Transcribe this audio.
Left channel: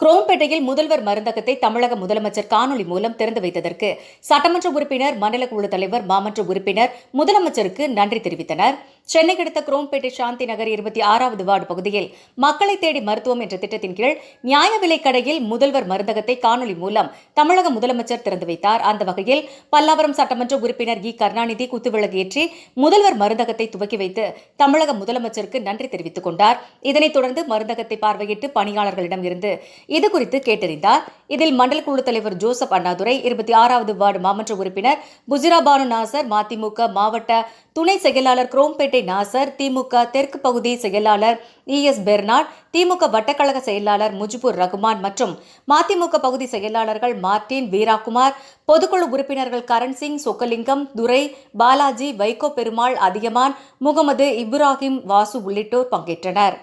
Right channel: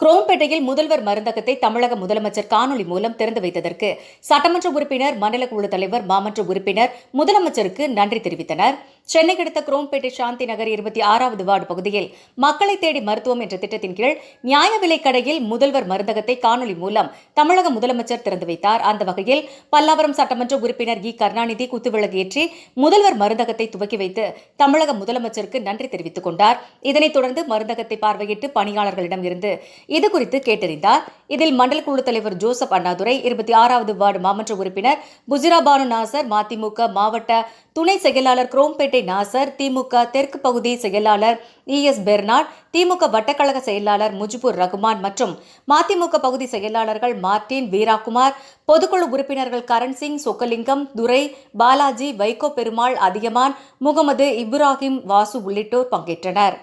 குரோம்பேட்டையில் முதல்வர் மருந்தகத்தை தமிழக முதலமைச்சர் காணொலி மூலம் திறந்து வைத்ததற்கு சட்டமன்ற உறுப்பினர், மண்டல குழு தலைவர், மாமன்ற உறுப்பினர் முதலமைச்சருக்கு நன்றி தெரிவித்தனர். சென்னை அடுத்த குரோம்பேட்டை சாந்தி நகர் 26வது வார்டு பகுதியில் மக்களை தேடி மருத்துவம் என்ற திட்டத்தின் கீழ் நியாய விலைக் கடையில் முதல்வர் மருந்தகத்தை காணொலி மூலம் தமிழக முதலமைச்சர் திறந்து வைத்தார். அந்த வகையில் பல்லாவரம் சட்டமன்ற உறுப்பினர் இ. கருணாநிதி குத்துவிளக்கு ஏற்றி முதல்வர் மருந்தகத்தை துவக்கி வைத்து தமிழக முதலமைச்சருக்கு நன்றி தெரிவித்துக் கொண்டார். இதனைத் தொடர்ந்து மருந்தகத்தை பார்வையிட்டு பணியாளர்களிடம் இருந்து இதுகுறித்து கேட்டறிந்தார். இதில் மண்டல குழு தலைவர் ஜோசப் அண்ணாதுரை, 26வது வார்டு மாமன்ற உறுப்பினர் புஜிரா பானு நாசர், மதிமுக மாவட்ட துணை செயலாளர் குரோம்பேட்டை நாசர், திமுக தெற்கு பகுதி செயலாளர் ES பெர்னாட், திமுக வட்டக்கழக செயலாளர் முஜிபுர் ரகுமான் மற்றும் மதிமுக பகுதி செயலாளர்கள் மார்டின், வீராகுமார், பொதுக்குழு உறுப்பினர்கள் கரண்சிங், சொக்கலிங்கம், துரை, பாலாஜி, வைகோ பெருமாள், அதியமான், முகமது, இப்ராஹிம், வாசு உள்ளிட்டோர் பங்கேற்றனர்.